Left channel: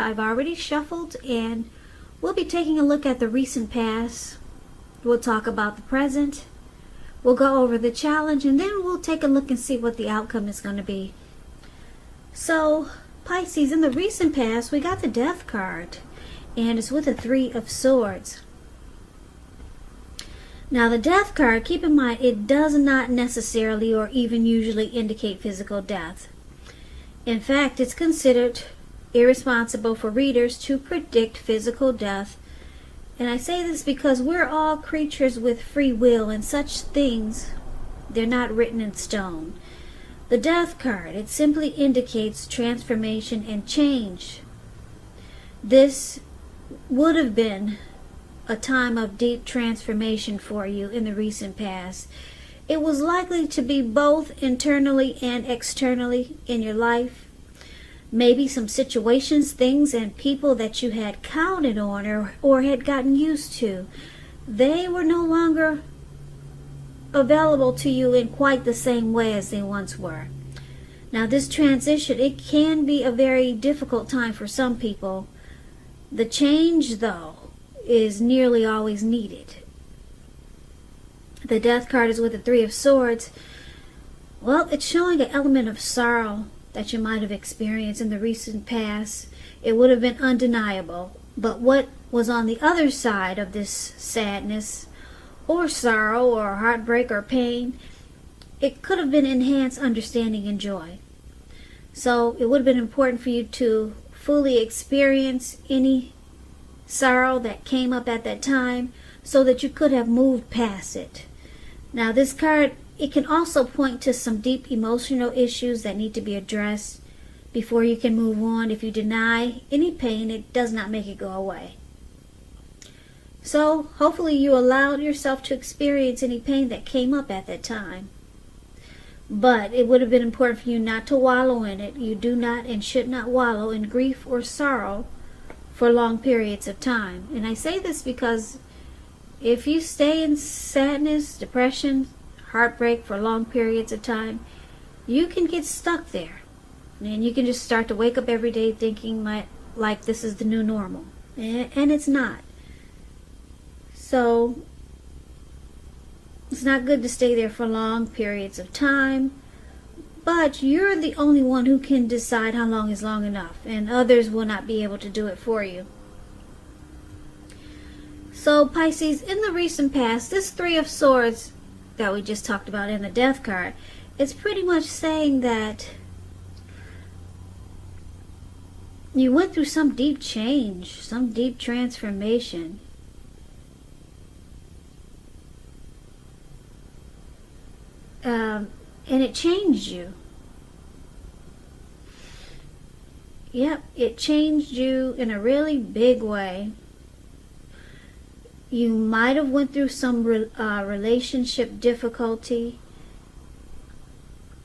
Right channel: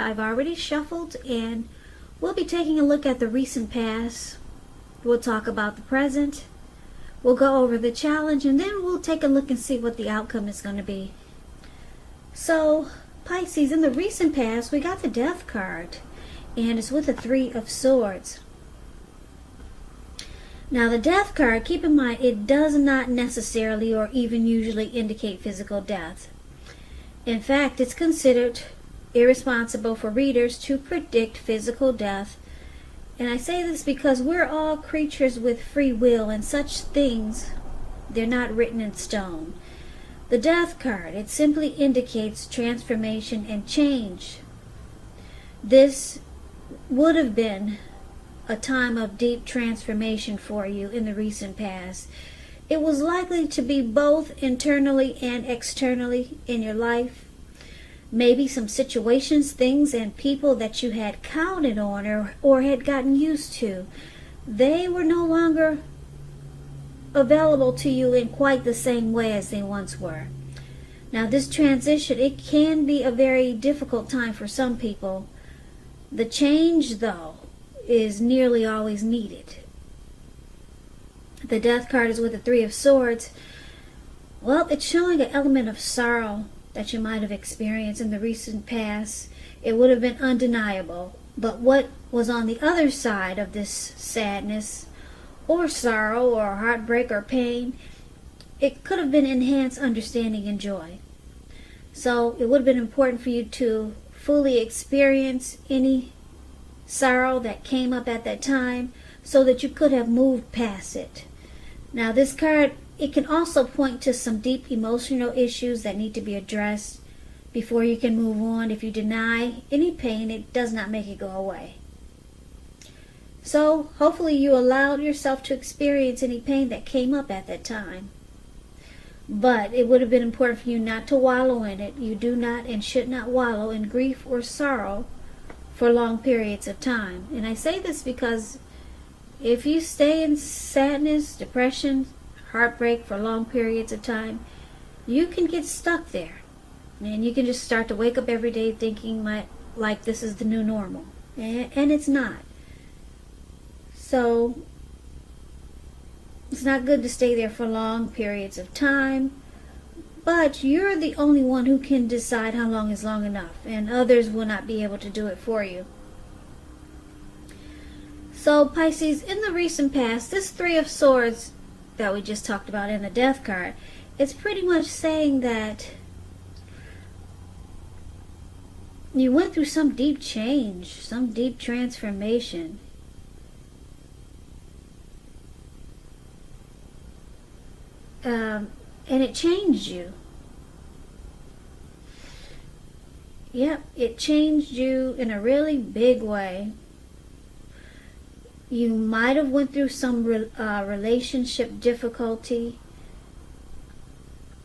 I've already shuffled, and we'll be taking a look at the recent past. We'll talk about the present. We'll go over the challenge, and then we'll take a look and see what the outcome is going to be. So, Pisces, in the recent past, we got the Death card, and it's with the Three of Swords. Now, the Death card, keep in mind, it does not necessarily or even usually indicate physical death. In fact, it's considered irresponsible for readers to predict physical death. And I say this because we're all creatures with free will, and such things, they're not written in stone. The Death card, it simply indicates transformation and change. This would have been a time of deep transformation for you in the recent past. It was likely to be both internally and externally in your life. Maybe some situations, things, and people that you had counted on or had gotten used to, they were no longer available to you in quite the same way as they once were. Now, this transition, it can be a very difficult time for some people. The change, though, is nearly always needed. The Death card is with the Three of Swords. Well, it's showing an element of sorrow that you might have experienced in the recent past. It would have been undeniable. But what was on the other side of this sadness or sorrow or heartbreak or pain, it could have been enhanced understanding and joy. So it would have been important for you to fully experience any sorrow that came up at that time so that you could have moved past it. Now, this card, it can also point to some deep emotional issues that need to be addressed before you can move on. If you deny any pain, it does not make it go away. So, hopefully you allowed yourself to experience any pain that came up at that time. But it would have been important for you not to wallow in it. You do not and should not wallow in grief or sorrow for long periods of time. And I say this because if you stay in sadness, depression, heartbreak for long periods of time, you can get stuck there. And you can just start to wake up every day thinking like this is the new normal. And it's not. So, it's not good to stay there for long periods of time. But you're the only one who can decide how long is long enough. And others will not be able to do it for you. So, Pisces, in the recent past, this Three of Swords that we just talked about in the Death card, it's pretty much saying that you went through some deep change, some deep transformation. And it changed you. Yep, it changed you in a really big way. You might have went through some relationship difficulty,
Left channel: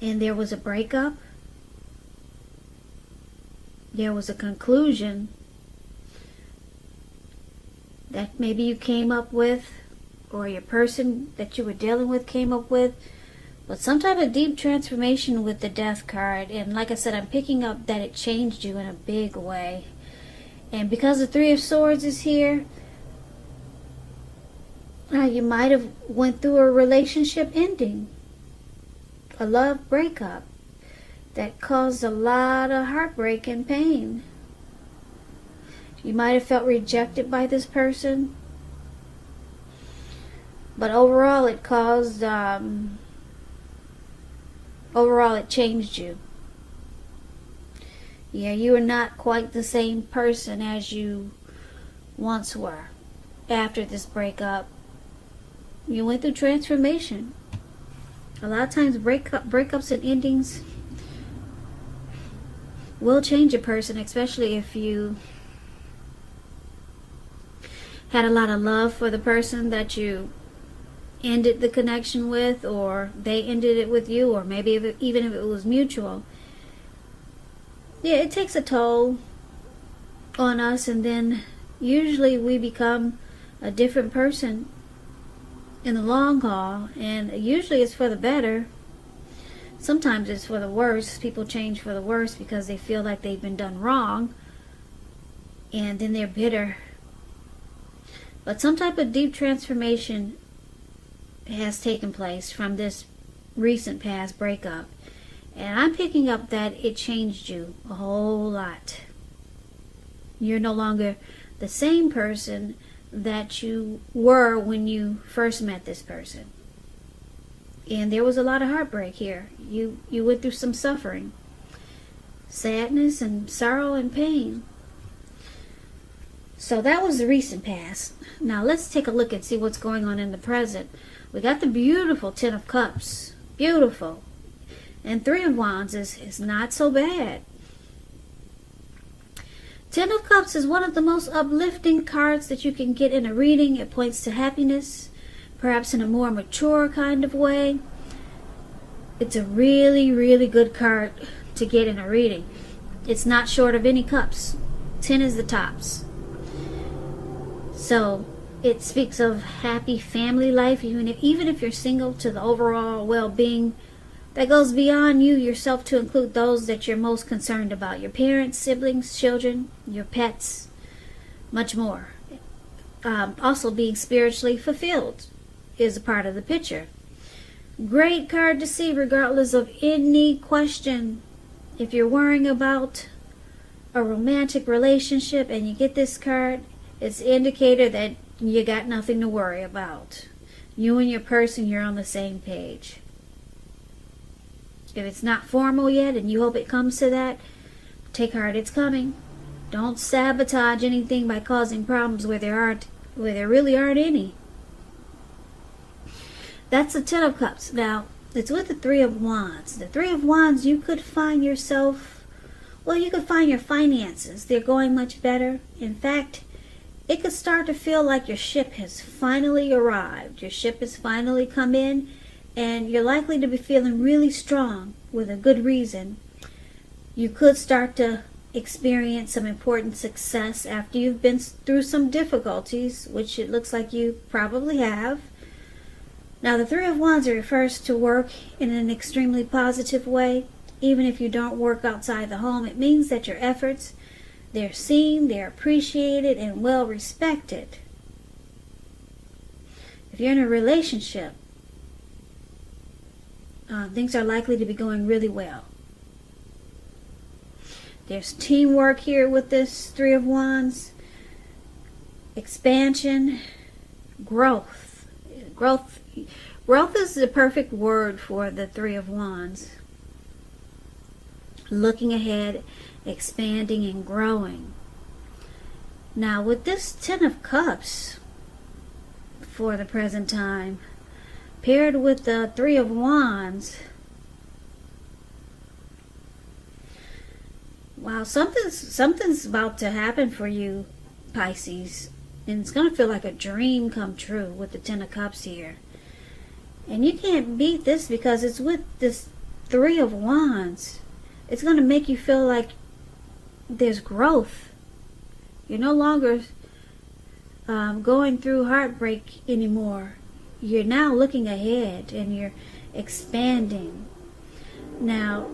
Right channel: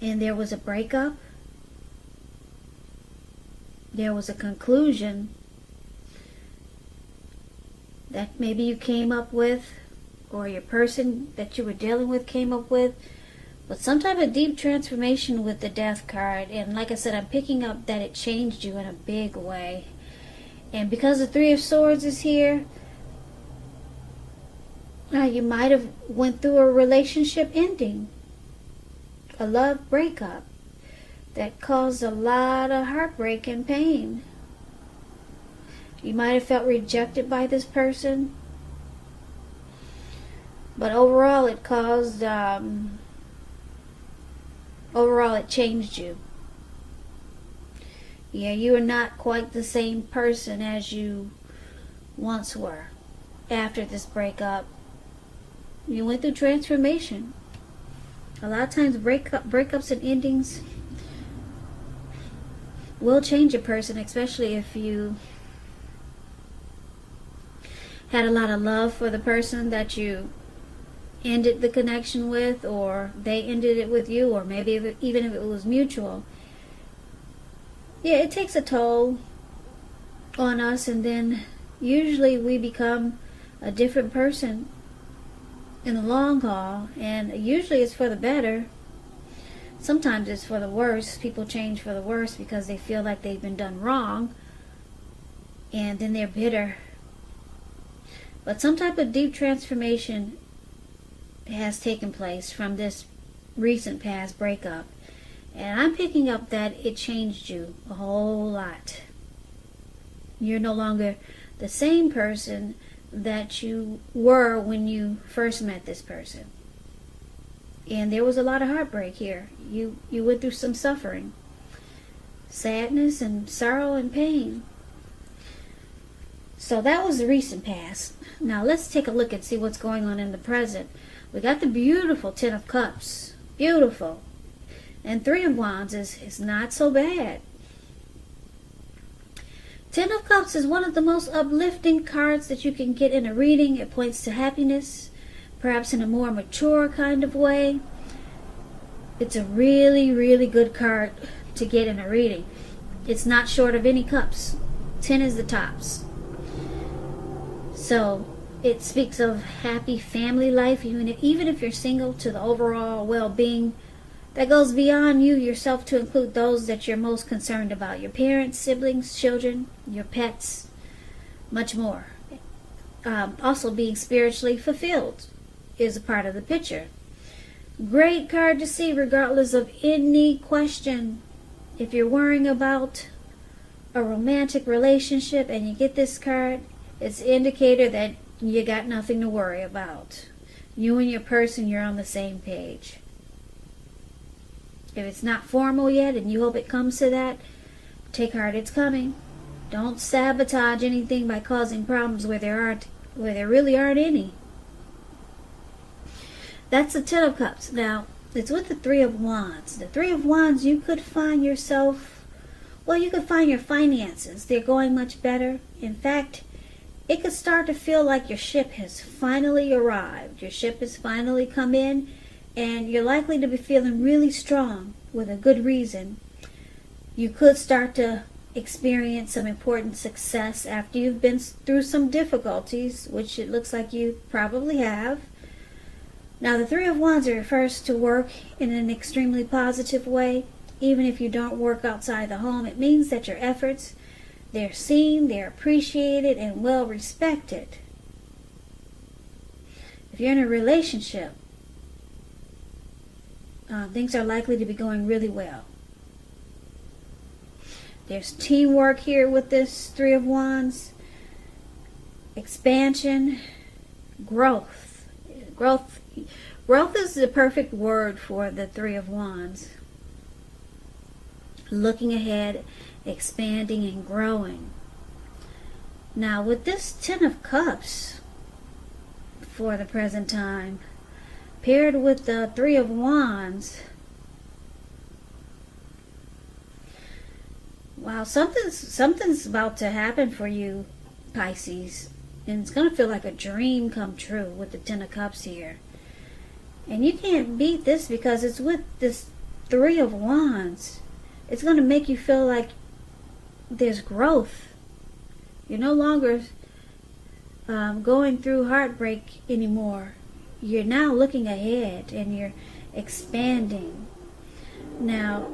and there was a breakup. There was a conclusion that maybe you came up with, or your person that you were dealing with came up with. But some type of deep transformation with the Death card. And like I said, I'm picking up that it changed you in a big way. And because the Three of Swords is here, you might have went through a relationship ending. A love breakup that caused a lot of heartbreak and pain. You might have felt rejected by this person. But overall it caused... Overall, it changed you. Yeah, you are not quite the same person as you once were after this breakup. You went through transformation. A lot of times breakups and endings will change a person, especially if you had a lot of love for the person that you ended the connection with, or they ended it with you, or maybe even if it was mutual. Yeah, it takes a toll on us, and then usually we become a different person in the long haul, and usually it's for the better. Sometimes it's for the worse. People change for the worse because they feel like they've been done wrong, and then they're bitter. But some type of deep transformation has taken place from this recent past breakup. And I'm picking up that it changed you a whole lot. You're no longer the same person that you were when you first met this person. And there was a lot of heartbreak here. You went through some suffering, sadness and sorrow and pain. So that was the recent past. Now let's take a look and see what's going on in the present. We got the beautiful Ten of Cups. Beautiful. And Three of Wands is not so bad. Ten of Cups is one of the most uplifting cards that you can get in a reading. It points to happiness, perhaps in a more mature kind of way. It's a really, really good card to get in a reading. It's not short of any cups. 10 is the tops. So it speaks of happy family life, even if you're single, to the overall well-being that goes beyond you yourself to include those that you're most concerned about. Your parents, siblings, children, your pets, much more. Also being spiritually fulfilled is a part of the picture. Great card to see regardless of any question. If you're worrying about a romantic relationship and you get this card, it's an indicator that you got nothing to worry about. You and your person, you're on the same page. If it's not formal yet and you hope it comes to that, take heart, it's coming. Don't sabotage anything by causing problems where there really aren't any. That's the Ten of Cups. Now, it's with the Three of Wands. The Three of Wands, you could find yourself, you could find your finances. They're going much better. In fact, it could start to feel like your ship has finally arrived. Your ship has finally come in, and you're likely to be feeling really strong with a good reason. You could start to experience some important success after you've been through some difficulties, which it looks like you probably have. Now, the Three of Wands refers to work in an extremely positive way. Even if you don't work outside the home, it means that your efforts, they're seen, they're appreciated, and well respected. If you're in a relationship, things are likely to be going really well. There's teamwork here with this Three of Wands. Expansion, growth. Growth is the perfect word for the Three of Wands. Looking ahead, expanding and growing. Now with this Ten of Cups for the present time, paired with the Three of Wands, wow, something's about to happen for you, Pisces. And it's going to feel like a dream come true with the Ten of Cups here. And you can't beat this because it's with this Three of Wands. It's going to make you feel like there's growth. You're no longer going through heartbreak anymore. You're now looking ahead and you're expanding. Now,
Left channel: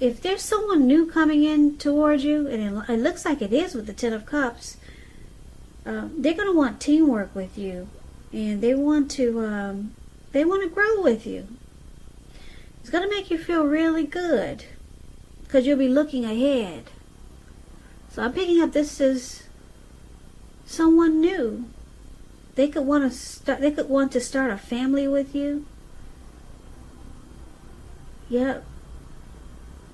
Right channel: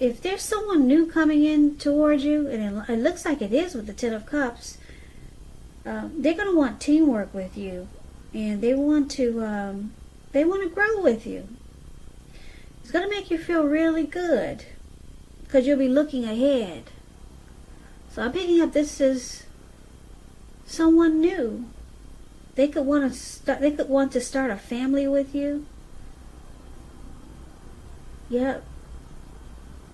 if there's someone new coming in towards you, and it looks like it is with the Ten of Cups, they're going to want teamwork with you, and they want to grow with you. It's going to make you feel really good because you'll be looking ahead. So I'm picking up this is someone new. They could want to start a family with you. Yep.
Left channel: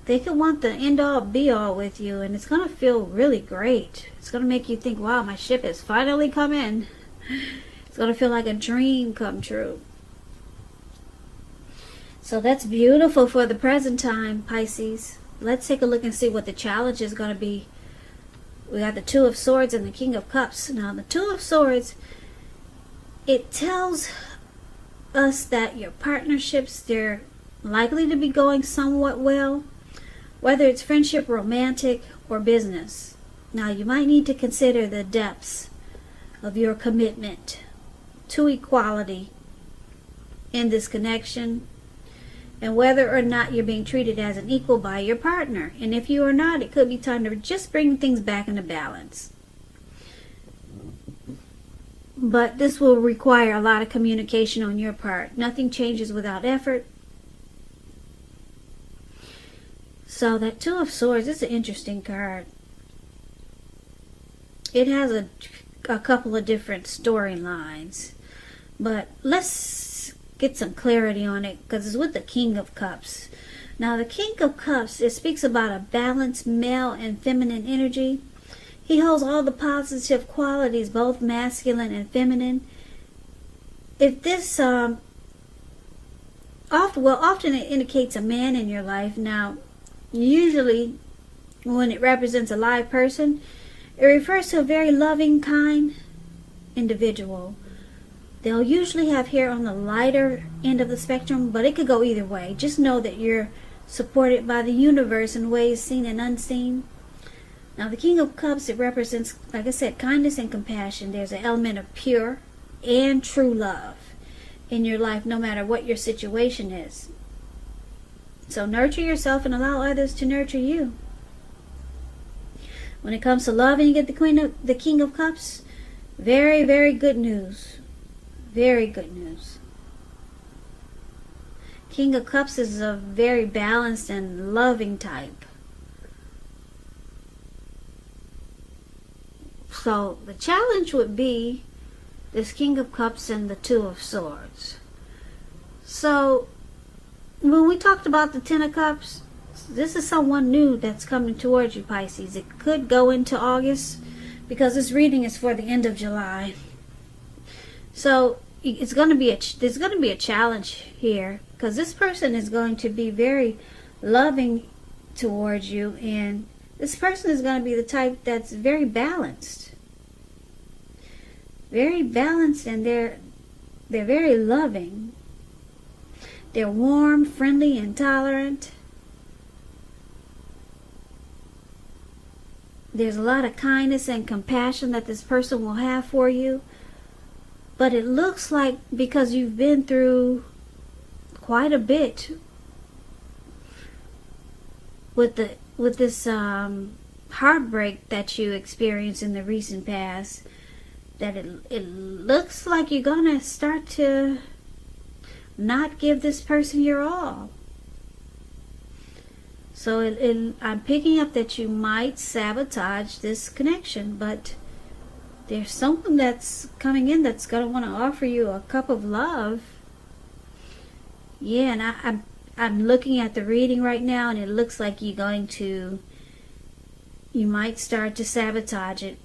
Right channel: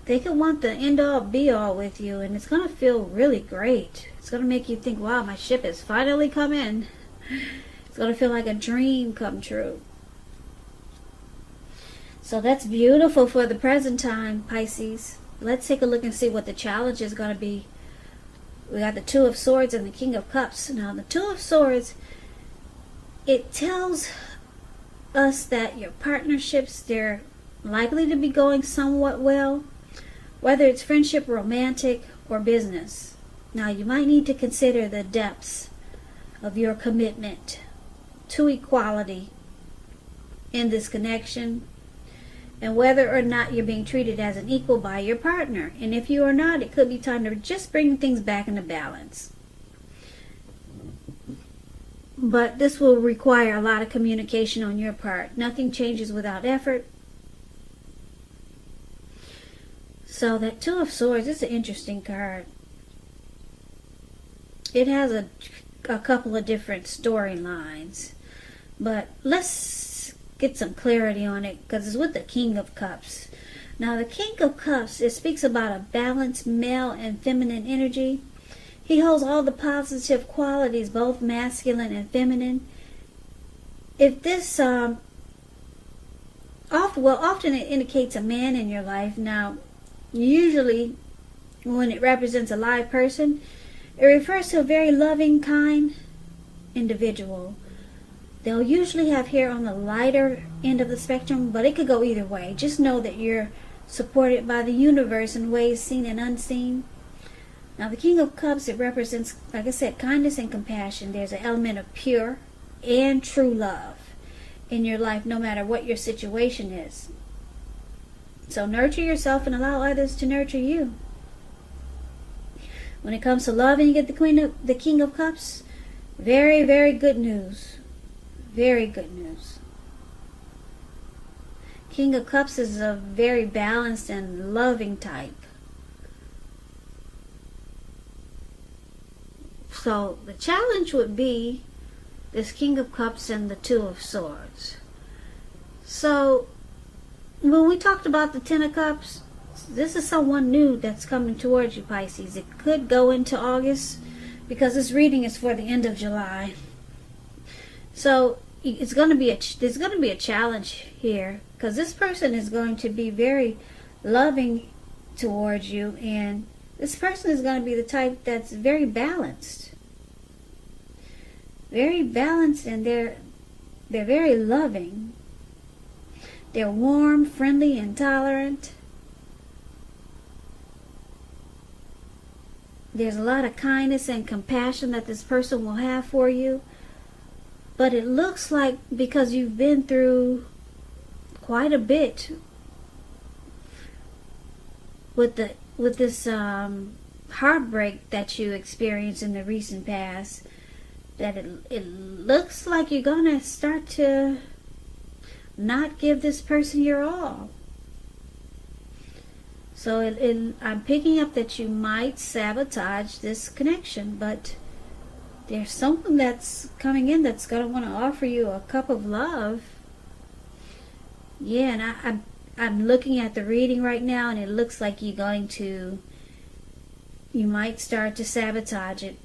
They could want the end-all, be-all with you, and it's going to feel really great. It's going to make you think, wow, my ship has finally come in. It's going to feel like a dream come true. So that's beautiful for the present time, Pisces. Let's take a look and see what the challenge is going to be. We got the Two of Swords and the King of Cups. Now, the Two of Swords, it tells us that your partnerships, they're likely to be going somewhat well, whether it's friendship, romantic, or business. Now, you might need to consider the depths of your commitment to equality in this connection. and whether or not you're being treated as an equal by your partner. And if you are not, it could be time to just bring things back into balance. But this will require a lot of communication on your part. Nothing changes without effort. So that Two of Swords is an interesting card. It has a couple of different storylines. But let's get some clarity on it, because it's with the King of Cups. Now the King of Cups, it speaks about a balanced male and feminine energy. He holds all the positive qualities, both masculine and feminine. If this, often it indicates a man in your life. Now, usually when it represents a live person, it refers to a very loving, kind individual. They'll usually have hair on the lighter end of the spectrum, but it could go either way. Just know that you're supported by the universe in ways seen and unseen. Now, the King of Cups, it represents, like I said, kindness and compassion. There's an element of pure and true love in your life, no matter what your situation is. So nurture yourself and allow others to nurture you. When it comes to love and you get the King of Cups, very, very good news. Very good news. King of Cups is a very balanced and loving type. So the challenge would be this King of Cups and the Two of Swords. So when we talked about the Ten of Cups, this is someone new that's coming towards you, Pisces. It could go into August, because this reading is for the end of July. So there's going to be a challenge here, because this person is going to be very loving towards you, and this person is going to be the type that's very balanced. Very balanced, and they're very loving. They're warm, friendly, and tolerant. There's a lot of kindness and compassion that this person will have for you. But it looks like, because you've been through quite a bit with this heartbreak that you experienced in the recent past, that it looks like you're gonna start to not give this person your all. So I'm picking up that you might sabotage this connection, but there's someone that's coming in that's going to want to offer you a cup of love. Yeah, and I'm looking at the reading right now, and it looks like you might start to sabotage it.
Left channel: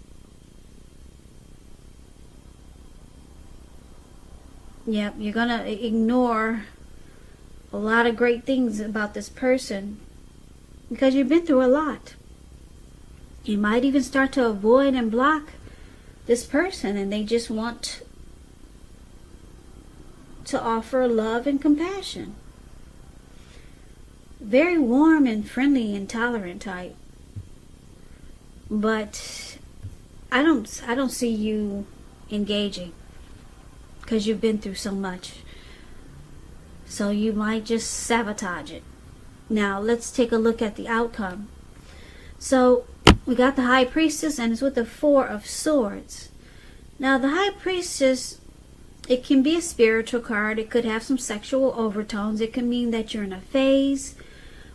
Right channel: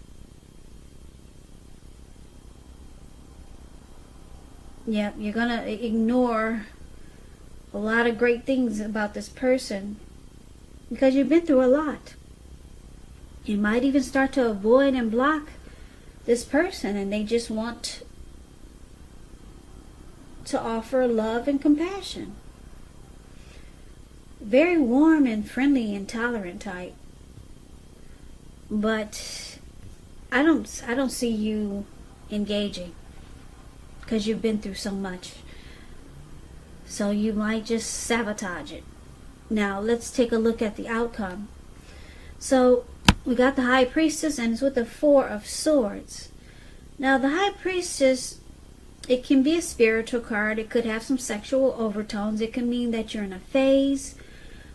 Yep, you're going to ignore a lot of great things about this person because you've been through a lot. You might even start to avoid and block this person, and they just want to offer love and compassion. Very warm and friendly and tolerant type. But I don't see you engaging, because you've been through so much. So you might just sabotage it. Now let's take a look at the outcome. So we got the High Priestess, and it's with the Four of Swords. Now the High Priestess, it can be a spiritual card. It could have some sexual overtones. It can mean that you're in a phase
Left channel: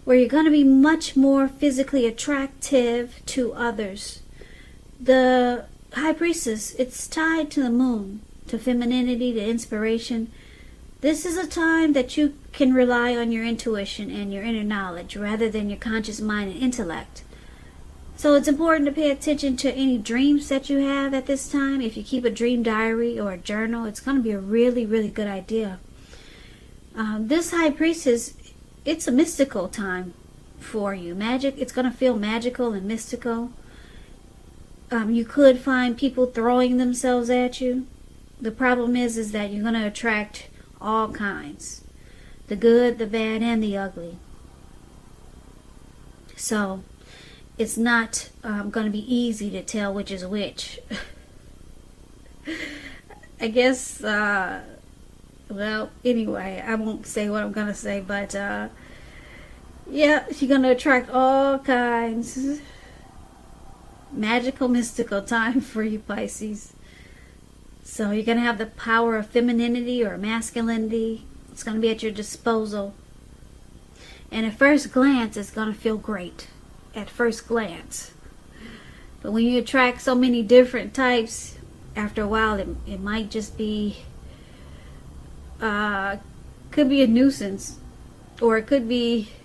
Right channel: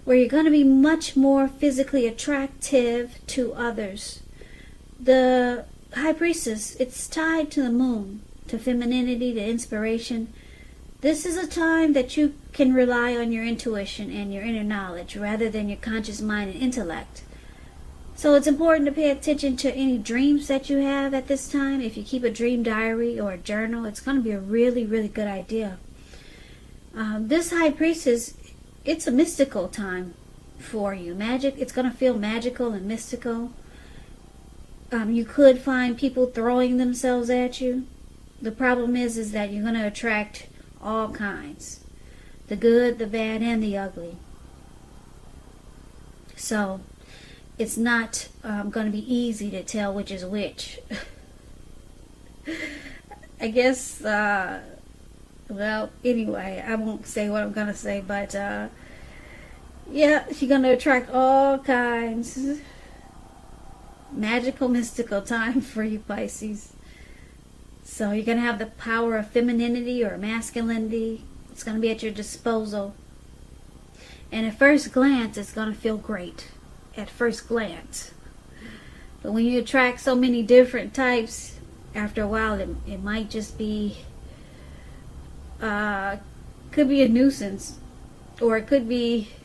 where you're going to be much more physically attractive to others. The High Priestess, it's tied to the moon, to femininity, to inspiration. This is a time that you can rely on your intuition and your inner knowledge rather than your conscious mind and intellect. So it's important to pay attention to any dreams that you have at this time. If you keep a dream diary or a journal, it's going to be a really, really good idea. This High Priestess, it's a mystical time for you. It's going to feel magical and mystical. You could find people throwing themselves at you. The problem is that you're going to attract all kinds. The good, the bad, and the ugly. So it's not going to be easy to tell which is which. I guess Well, anyway, I won't say what I'm gonna say, but yeah, she's gonna attract all kinds. Magical, mystical time for you, Pisces. So you're gonna have the power of femininity or masculinity. It's gonna be at your disposal. And at first glance, it's gonna feel great. At first glance. But when you attract so many different types, after a while, it might just be, could be a nuisance. Or it could be,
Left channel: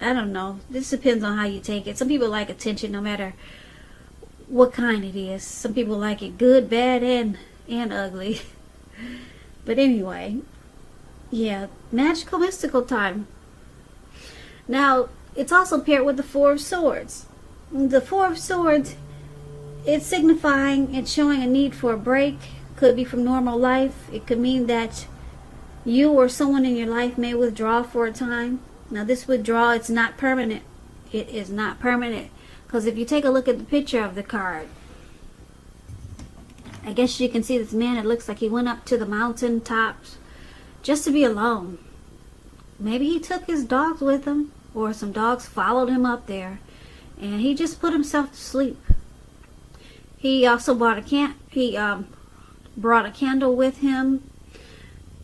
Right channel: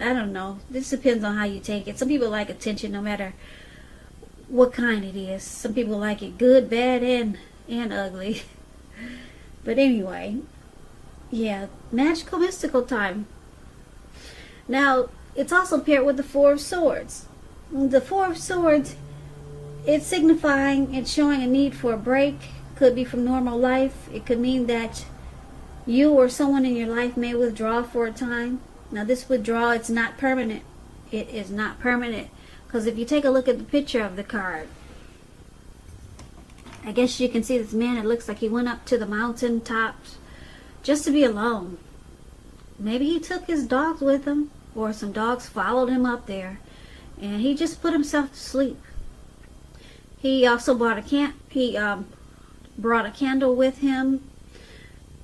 I don't know. This depends on how you take it. Some people like attention no matter what kind it is. Some people like it good, bad, and ugly. But anyway, yeah, magical, mystical time. Now, it's also paired with the Four of Swords. The Four of Swords, it's signifying, it's showing a need for a break. Could be from normal life. It could mean that you or someone in your life may withdraw for a time. Now, this withdrawal, it's not permanent. It is not permanent. Because if you take a look at the picture of the card, I guess you can see this man. It looks like he went up to the mountain tops just to be alone. Maybe he took his dogs with him, or some dogs followed him up there. And he just put himself to sleep. He also brought a candle with him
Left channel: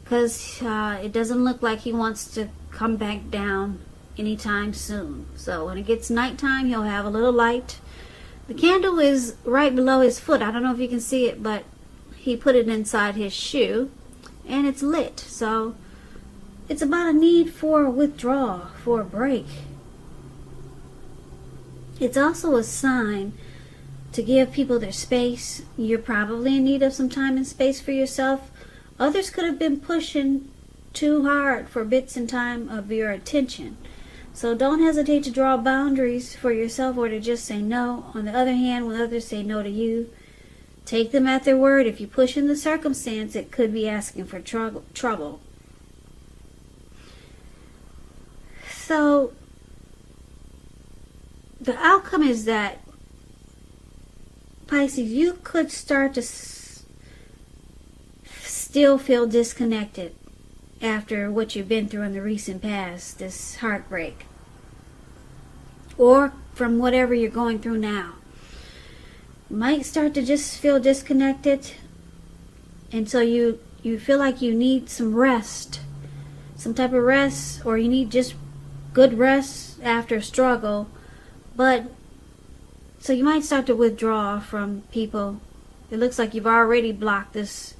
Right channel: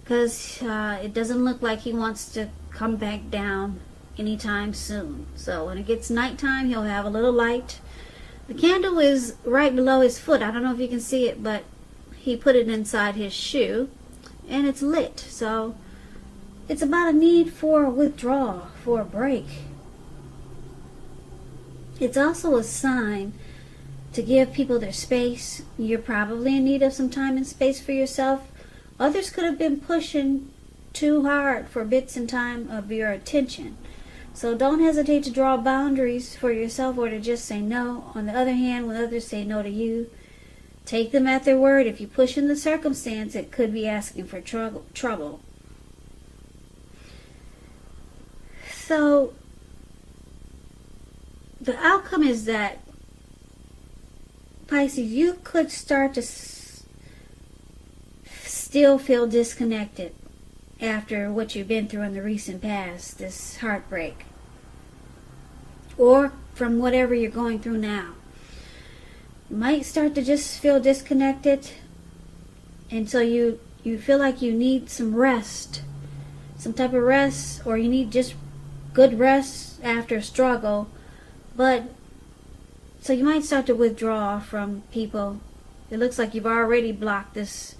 because it doesn't look like he wants to come back down anytime soon. So when it gets nighttime, he'll have a little light. The candle is right below his foot. I don't know if you can see it, but he put it inside his shoe and it's lit. So it's about a need for a withdrawal, for a break. It's also a sign to give people their space. You're probably in need of some time and space for yourself. Others could have been pushing too hard for bits and time of your attention. So don't hesitate to draw boundaries for yourself or to just say no. On the other hand, when others say no to you, take them at their word. If you push in the circumstance, it could be asking for trouble. So the outcome is that, Pisces, you could start to still feel disconnected after what you've been through in the recent past, this heartbreak, or from whatever you're going through now. Might start to just feel disconnected, and so you feel like you need some rest, some type of rest, or you need just good rest after a struggle. But so you might start to withdraw from people. It looks like you've already blocked this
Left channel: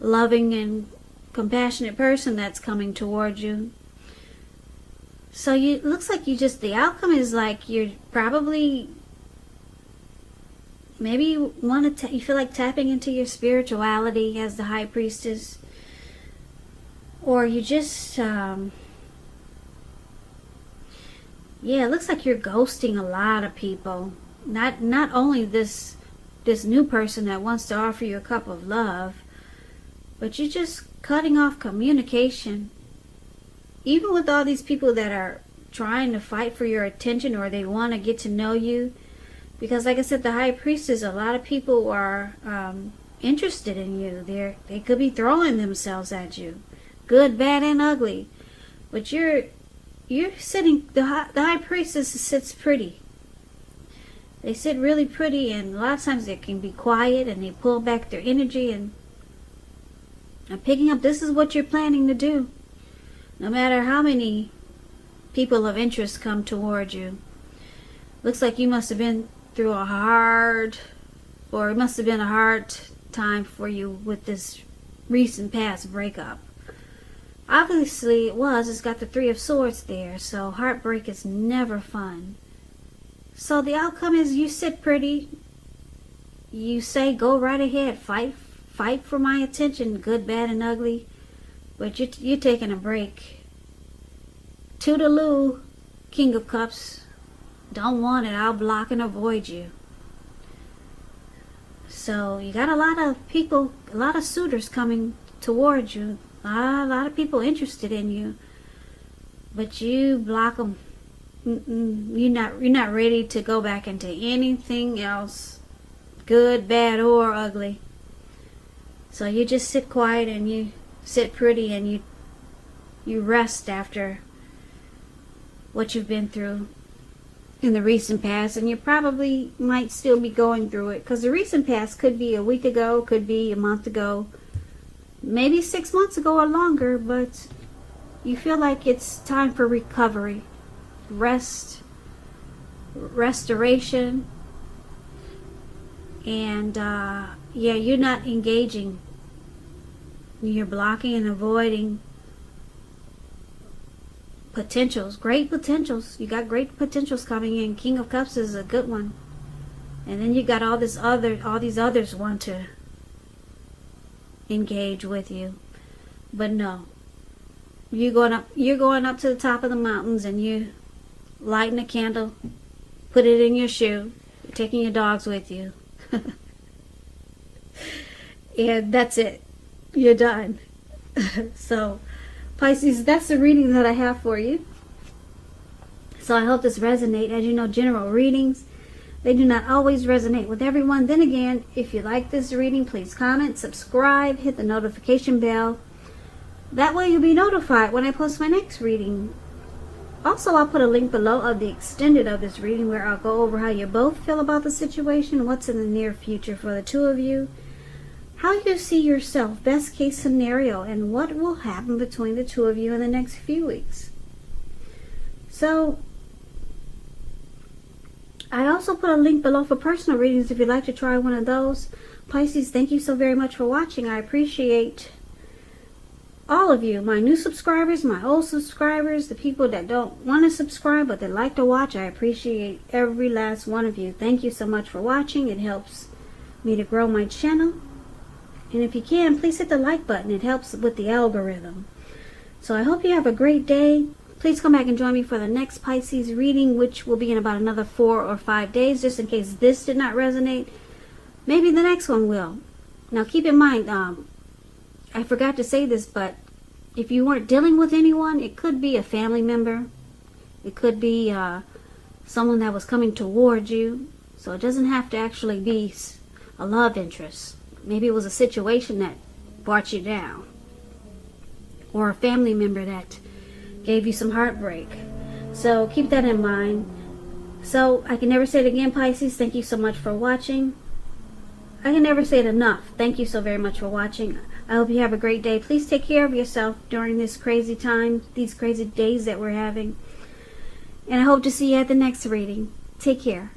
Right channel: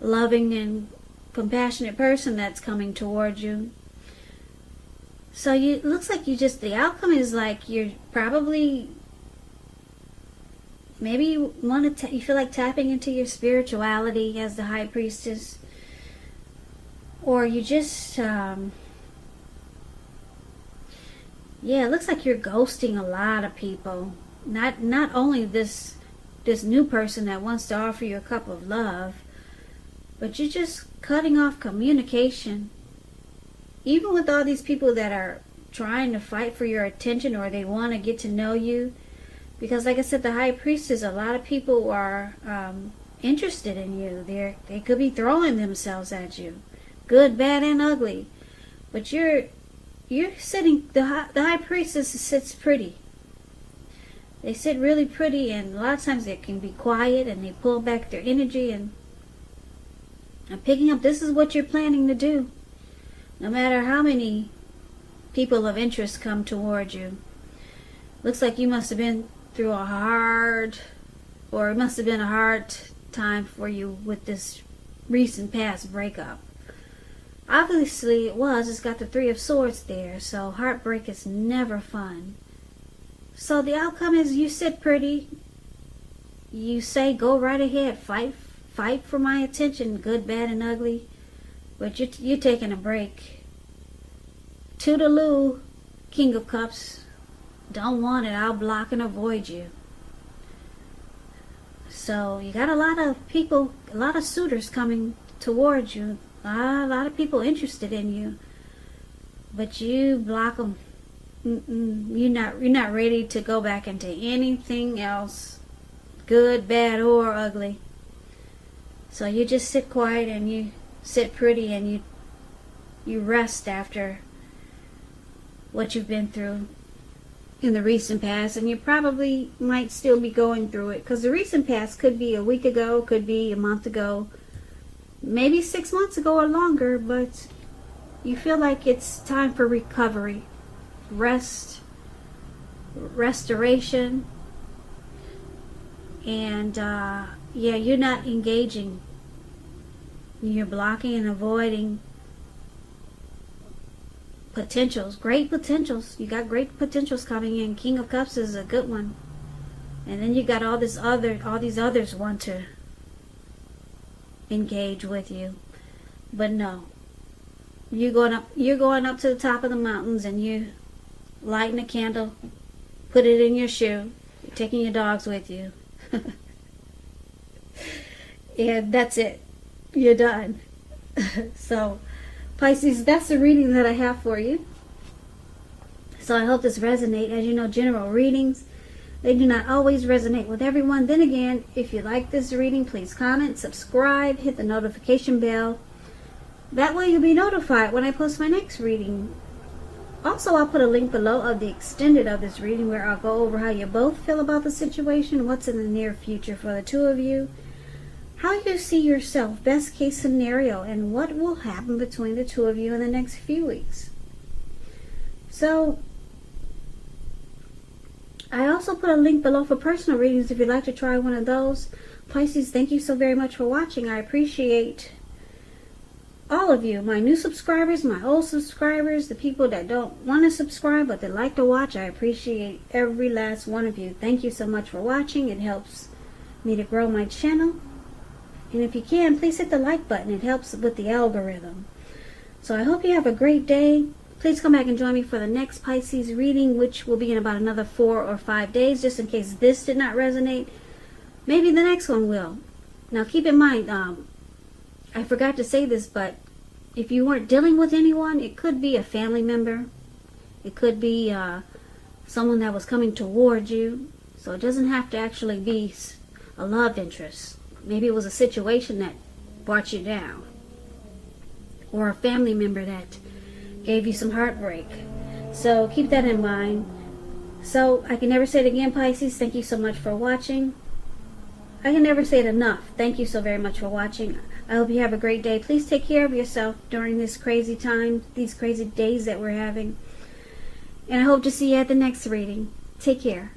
loving and compassionate person that's coming towards you. So it looks like the outcome is like you're probably, maybe you want to, you feel like tapping into your spirituality as the High Priestess, or you just, yeah, it looks like you're ghosting a lot of people. Not only this new person that wants to offer you a cup of love, but you're just cutting off communication. Even with all these people that are trying to fight for your attention, or they want to get to know you. Because like I said, the High Priestess, a lot of people are interested in you. They could be throwing themselves at you. Good, bad, and ugly. But you're sitting, the High Priestess sits pretty. They sit really pretty, and a lot of times they can be quiet, and they pull back their energy, and I'm picking up, this is what you're planning to do. No matter how many people of interest come toward you. Looks like you must have been through it must have been a hard time for you with this recent past breakup. Obviously it was. It's got the Three of Swords there, so heartbreak is never fun. So the outcome is you sit pretty. You say, go right ahead, fight for my attention, good, bad, and ugly. But you're taking a break. Toodaloo, King of Cups. Don't want it. I'll block and avoid you. So you got a lot of people, a lot of suitors coming towards you. A lot of people interested in you. But you block them. You're not ready to go back into anything else, good, bad, or ugly. So you just sit quiet and sit pretty and you rest after what you've been through in the recent past, and you probably might still be going through it, because the recent past could be a week ago, could be a month ago, maybe 6 months ago or longer, but you feel like it's time for recovery, rest, restoration, and yeah, you're not engaging. You're blocking and avoiding potentials, great potentials. You got great potentials coming in. King of Cups is a good one. And then you got all these others want to engage with you. But no. You're going up to the top of the mountains, and you lighting a candle, put it in your shoe, you're taking your dogs with you. And that's it. You're done. So, Pisces, that's the reading that I have for you. So I hope this resonates. As you know, general readings, they do not always resonate with everyone. Then again, if you like this reading, please comment, subscribe, hit the notification bell. That way you'll be notified when I post my next reading. Also, I'll put a link below of the extended of this reading, where I'll go over how you both feel about the situation, what's in the near future for the two of you, how you see yourself, best case scenario, and what will happen between the two of you in the next few weeks. So, I also put a link below for personal readings if you'd like to try one of those. Pisces, thank you so very much for watching. I appreciate all of you, my new subscribers, my old subscribers, the people that don't want to subscribe but that like to watch. I appreciate every last one of you. Thank you so much for watching. It helps me to grow my channel. And if you can, please hit the like button. It helps with the algorithm. So I hope you have a great day. Please come back and join me for the next Pisces reading, which will be in about another 4 or 5 days, just in case this did not resonate. Maybe the next one will. Now keep in mind, I forgot to say this, but if you weren't dealing with anyone, it could be a family member. It could be someone that was coming towards you. So it doesn't have to actually be a love interest. Maybe it was a situation that brought you down, or a family member that gave you some heartbreak. So keep that in mind. So I can never say it again, Pisces. Thank you so much for watching. I can never say it enough. Thank you so very much for watching. I hope you have a great day. Please take care of yourself during this crazy time, these crazy days that we're having. And I hope to see you at the next reading. Take care.